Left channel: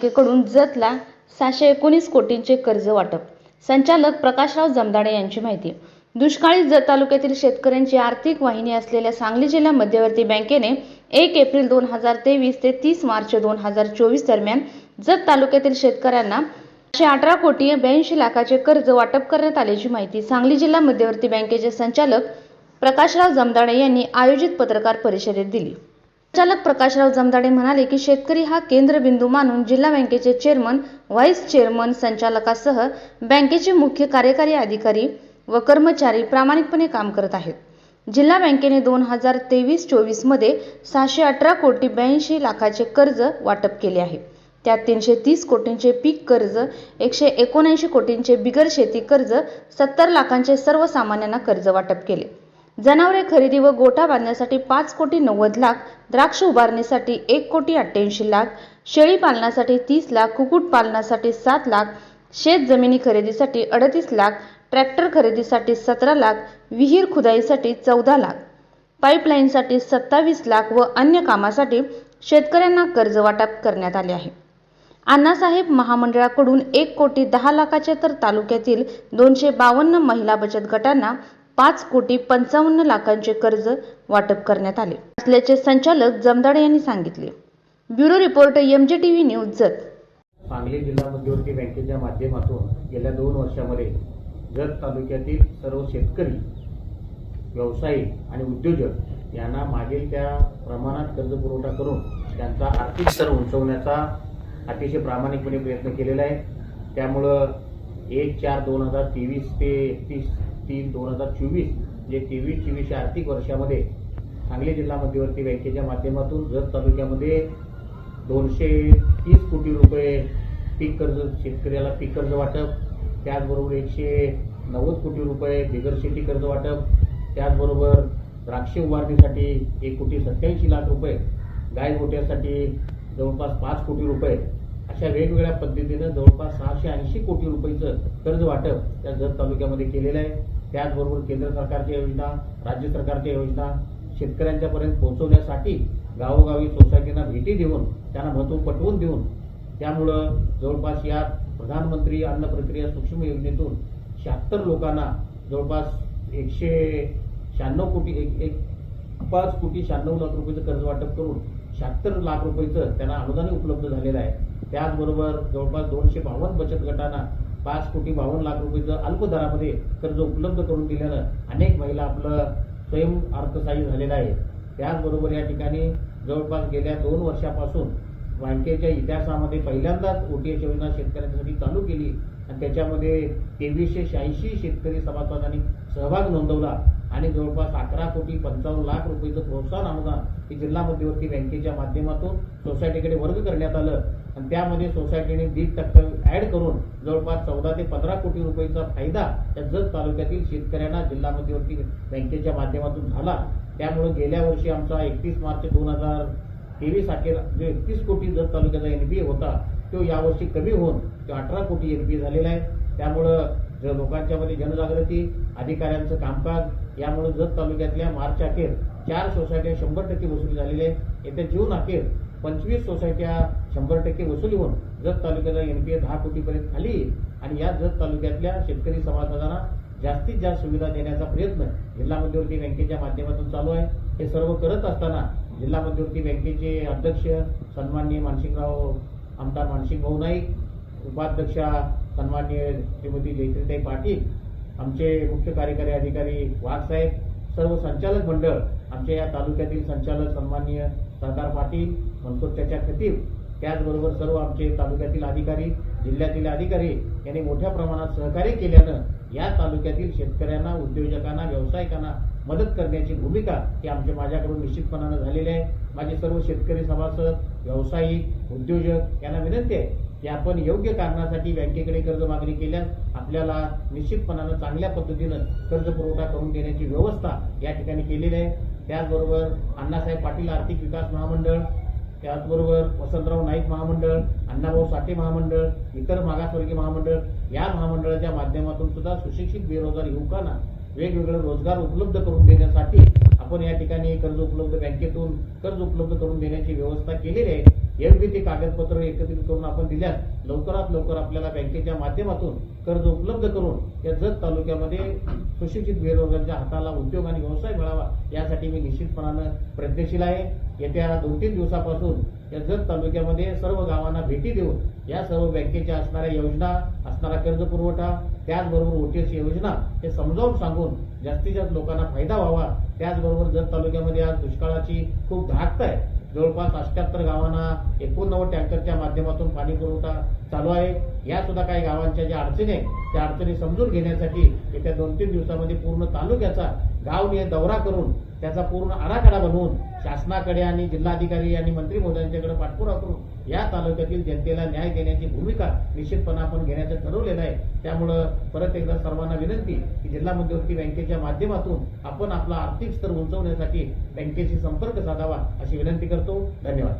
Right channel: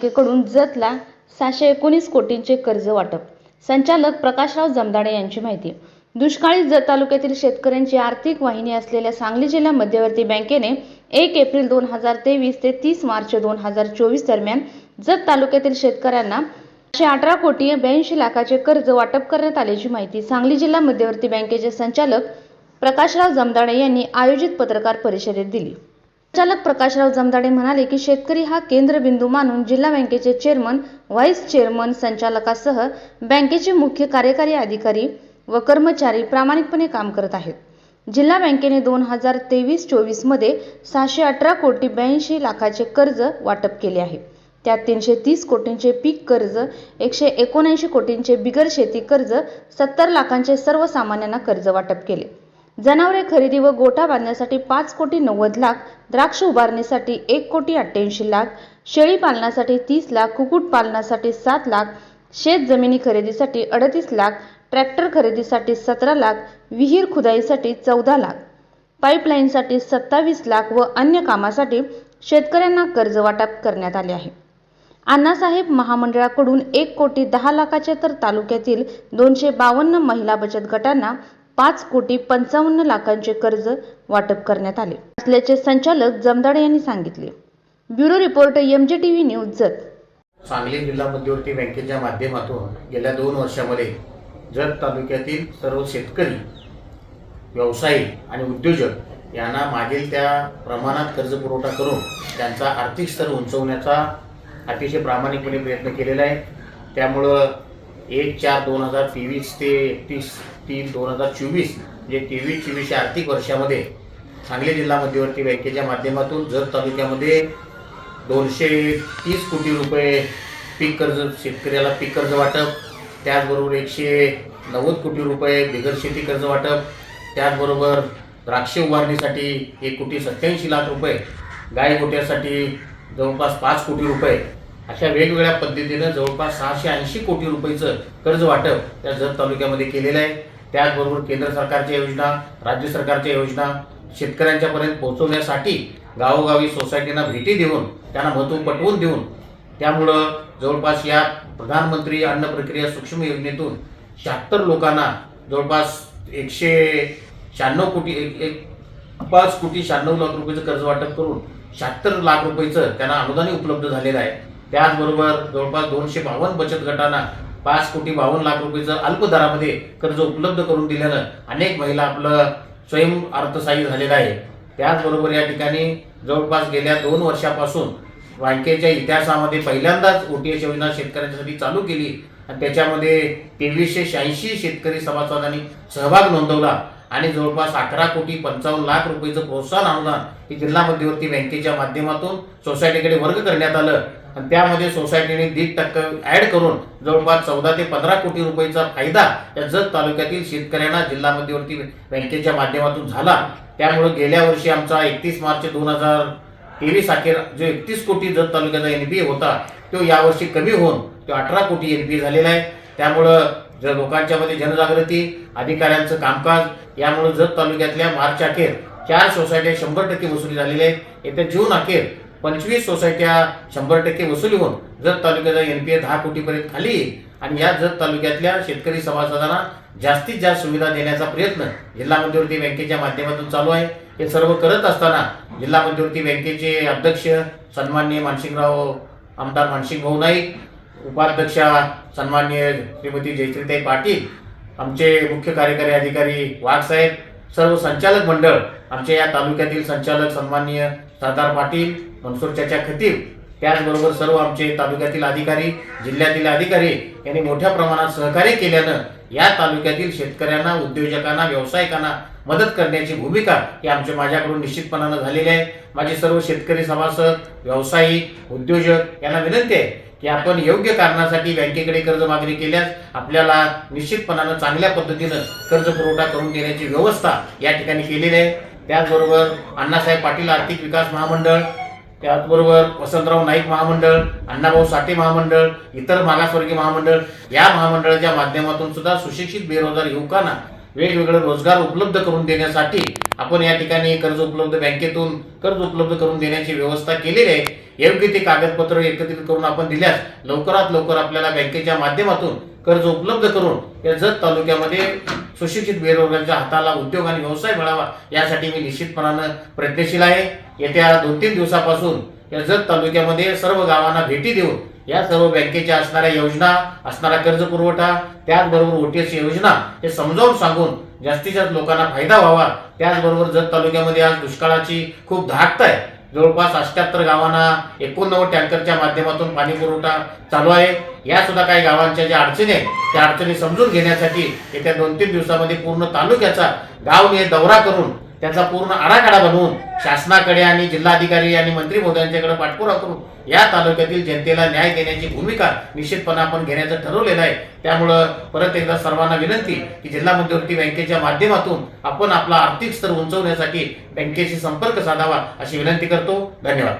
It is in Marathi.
बँकेकडून जतला सहाशे एकोणीस कोटींचे कर्ज वाटप. संचालक प्रकाशराव जमदाडे यांची माहिती. दुष्काळी जत तालुक्यातील शेतकऱ्यांची आर्थिक वाहिनी असलेल्या सांगली जिल्हा मध्यवर्ती बँकेने एक एप्रिल दोन हजार तेवीस ते तीस मार्च दोन हजार चोवीस दरम्यान जत तालुक्यातील शेतकऱ्यांना एकशे अठरा कोटी ब्याऐंशी लाखाचे कर्ज वाटप करण्यात आल्याची माहिती सांगली जिल्हा मध्यवर्ती बँकेचे संचालक प्रकाशराव जमदाडे यांनी आयोजित पत्रकार परिषदेत दिली. संचालक प्रकाशराव जमदाडे म्हणाले की शेतकरी हा केंद्रबिंदू मानून जिल्हा बँकेचे चेअरमन व्हाईस चेअरमन संचालकासह बँकेचे मुख्य कार्यकारी अधिकारी व कर्मचारी प्रामाणिकपणे काम करत आहेत. जिल्हा बँकेने दोन हजार तेवीस चोवीसमध्ये सहाशे अठरा कोटी ब्याऐंशी लाखाचे कर्ज वाटप केले आहे. त्यात तीनशे तीस कोटींचे पीक कर्ज एकशे एकोणऐंशी कोटींचे बिगर शेती कर्ज सत्तर लाखांचे सर्वसामान्यांना कर्ज वाटप केले. जनावरे खरेदी व गोठा बांधण्यासाठी पाच कोटी नव्वद लाख द्राक्ष उभारणीसाठी एक कोटी अठ्ठ्याऐंशी लाख शेळी पालनासाठी तीस लाख कुक्कुट पालनासाठी सात लाख शेत जमिनी खरेदीसाठी अडतीस लाख ट्रॅक्टर खरेदीसाठी सतरा लाख विहीर खुदाईसाठी चौदा लाख. पाईपलाईनसाठी सत्तावीस लाख व अन्य कामासाठी शेतकऱ्यांना कर्ज वाटप करण्यात आले आहे. अण्णासाहेब महामंडळाकडून एक कोटी दहा लाखाचे तर तालुक्यातील दोनशे बावन्न महिला बचत गटांना पाच कोटी पंचावन्न लाखांचे कर्ज वाटप करण्यात आले. असल्याचे संचालक जमदाडे यांनी सांगितले. Bureau report M J T news Jat Sangli जिल्हा मध्यवर्ती बँकेच्या माध्यमातून गेल्या दोन वर्षामध्ये जत तालुक्यातील सर्व शेतकरी व्यावसायिक आणि उद्योजक यांना मागील त्या प्रमाणात कर्ज पुरवठा करून त्यांचा आर्थिक स्तर उंचवण्याचा अतिशय प्रामाणिकपणे प्रयत्न केलेला आहे. त्यामुळं एक चार दोन हजार तेवीस ते एकतीस तीन दोन हजार चोवीस म्हणजे तेवीस चोवीस या आर्थिक वर्षामध्ये सांगली जिल्हा मध्यवर्ती बँकेच्या माध्यमातून जत तालुक्यामध्ये दोनशे तीस कोटी रुपये पीक कर्ज शेतकऱ्याला पीक कर्ज वाटप त्याचबरोबर एकशे नव्वद कोटी रुपये बिगर शेती कर्ज वाटप त्याचबरोबर द्राक्ष उभारणीसाठी एक कोटी सत्याऐंशी लाख रुपये गाय गोट्यासाठी जवळपास पाच कोटी रुपये अशा वेगवेगळ्या पद्धतीनं जवळपास सहाशे ऐंशी कोटी रुपयेचं कर्ज वाटप त्या जत तालुक्यामध्ये केलेलं आहे. त्याचबरोबर केंद्र सरकारच्या योजना राज्य सरकारच्या योजना शेतकऱ्यांच्यापर्यंत पोहोचवण्यासाठी गावोगावी सोसायटींना भेटी देऊन त्यांना महत्त्व पटवून देऊन त्यामुळं जवळपास या प्रधानमंत्री अन्न प्रक्रिया सूक्ष्म योजनेतून शहात्तर लोकांना जवळपास एकशे शहाण्णव कोटी एक एक पाच कोटी शहाण्णव लाख रुपयेचं कर्ज वाटप करून शहात्तर लाख रुपयेचं त्यांना अनुदानही उपलब्ध झालेलं आहे. त्याचबरोबर जवळपास दोनशे बावन्न बचत गटांना पाच कोटी बावन्न लाख रुपयेचं अल्प दरामध्ये कर्ज उपलब्ध करून दिल्यानं अनेक महिला आपलं स्वयं अर्थसहाय्य झालेलं आहे. त्याचबरोबर या ठिकाणी जवळपास गेल्या दोन वर्षापासून बँकेच्या इतिहासामध्ये पहिल्यांदाच ओटीएस योजना शेतकऱ्यांसाठी चालू केली आणि त्याच्यामध्ये तेवीसशे शहाऐंशी शेतकरी सभासदांनी सहभाग नोंदवला आणि जवळपास अकरा कोटी पंचावन्न लाख रुपयेचं प्रोत्साहन अनुदान हे जिल्हा मध्यवर्ती बँकेच्या माध्यमातून सोसायटीकडे वर्ग करण्यात आलं. आणि त्यामध्ये सोसायटीने दीड टक्के ऍड करून जवळपास चौदा ते पंधरा कोटी रुपयेचा फायदा या जत तालुक्यातील शेतकऱ्यांना जिल्हा मध्यवर्ती बँकेच्या माध्यमातून झाला. त्यामुळे गेल्या वर्षी आमचा एकतीस मार्च दोन हजार तेवीस अखेर जो एकतीस कोटी जत तालुक्याचा एनपीए होता तो यावर्षी कमी होऊन तो अठरा कोटी एनपीए झालेला आहे. त्यामुळं जर लोकांच्या मध्ये जनजागृती अधिकाऱ्यांचं कामकाज यामुळे जत तालुक्यातल्या मार्च अखेर चार सोसायट्या शंभर टक्के वसुली झालेली आहे येत्या जून अखेर पंचवीस सोसायट्या शंभर टक्के वसुली होऊन जत तालुक्याचा एन पी ए दहा कोटीपर्यंत खाली येईल आणि या जत तालुक्यातल्या शेतकरी सभासदांना जास्तीत जास्त सुविधा देण्याचा प्रयत्न जिल्हा मध्यवर्ती बँकेच्या माध्यमातून चालू आहे. हे सर्व करत असताना जिल्हा मध्यवर्ती बँकेचे अध्यक्ष सन्माननीय मानसिंगराव आमदार मानसिंग भाऊ नाईक उपाध्यक्षा सन्माननीय श्रीमती जयश्रीताई पाटील आमचे मुख्य कार्यकारी अधिकारी वाघ साहेब सर्व संचालक मंडळ आमच्या या तालुक्यातील संचालक सन्माननीय सरदार पाटील मनसूर चाचा खतीब त्याचबरोबर सर्व आमचे तालुक्यातील अधिकारी जिल्ह्यातील अधिकारी यांनी मोठ्या प्रमाणात सहकार्य केल्यानं या तालुक्यातील शेतकऱ्यांना उद्योजकांना व्यावसायिकांना मदत करण्याची भूमिका ही आमच्या माझ्याकडून निश्चितपणानं झालेली आहे. माझे सर्व शेतकरी सभासद व्यावसायिक उद्योजक यांना विनंती आहे की आपण योग्य कारणासाठी बँकेकडे कर्ज मागणी केल्यास आपल्याला निश्चितपणानं चांगल्या पद्धतीनं कर्ज पुरवठा करून देण्याची व्यवस्था या ठिकाणी केलेली आहे. त्याचबरोबर अण्णासाहेब पाटील आर्थिक विकास महामंडळ त्याचबरोबर वसंतराव नाईक महामंडळ अण्णाभाऊ साठे महामंडळ इतर मागासवर्गीय महामंडळ या महामंडळाच्या माध्यमातून सुद्धा सुशिक्षित बेरोजगार युवकांना वेगवेगळे रोजगार उपलब्ध करून देण्यासाठी आपण या ठिकाणी कर्ज उपलब्ध बँकेतून कर्ज उपलब्ध करून देण्याची व्यवस्था केलेली आहे. योग्य ते कागदपत्र एकत्रित करून आपण दिल्यास लवकरात लवकर आपल्याला बँकेच्या माध्यमातून कर्ज उपलब्ध करून या जत तालुक्यामध्ये सुशिक्षित बेरोजगारांच्या हाताला उद्योग आणि व्यवसाय मिळावा यासाठी मी निश्चितपणानं प्रयत्नशील आहे. येत्या दोन तीन दिवसापासून या जत तालुक्यामध्ये सर्व गावांना भेटी देऊन या सर्व बँकेच्या असणाऱ्या योजना असणारा कर्ज पुरवठा त्याचबरोबर ओटीएस योजना हे समजावून सांगून जास्तीत जास्त लोकांना फायदा व्हावा. त्याचबरोबर जत तालुक्यामध्ये आज दुष्काळाची खूप धाकत आहे. जवळपास अष्ट्याहत्तर गावांना एकोणनव्वद टँकरच्या माध्यमातून पाणी पुरवठा चालू आहे. या सुद्धा काही गावांच्या ज्या अडचणी आहेत त्या अडचणी समजून घेण्यासाठी येत्या दोन तीन दिवसामध्ये पूर्ण तालुक्याचा गावने दौरा करून त्याचा पूर्ण आराखडा बनवून शासनाकडे आणि जिल्हाधिकारी आणि मंत्री महोदयांच्याकडे पाठपुरावा करून या तालुक्यातील जनतेला न्याय देण्याची भूमिका निश्चितपणे आपण घेण्याचं ठरवलेलं आहे. त्यामुळं परत एकदा सर्वांना विनंती की जिल्हा मध्यवर्ती बँकेच्या माध्यमातून आपण आपला आर्थिक स्तर उंचवण्यासाठी बँकेशी संपर्क साधावा अशी विनंती करतो. धन्यवाद.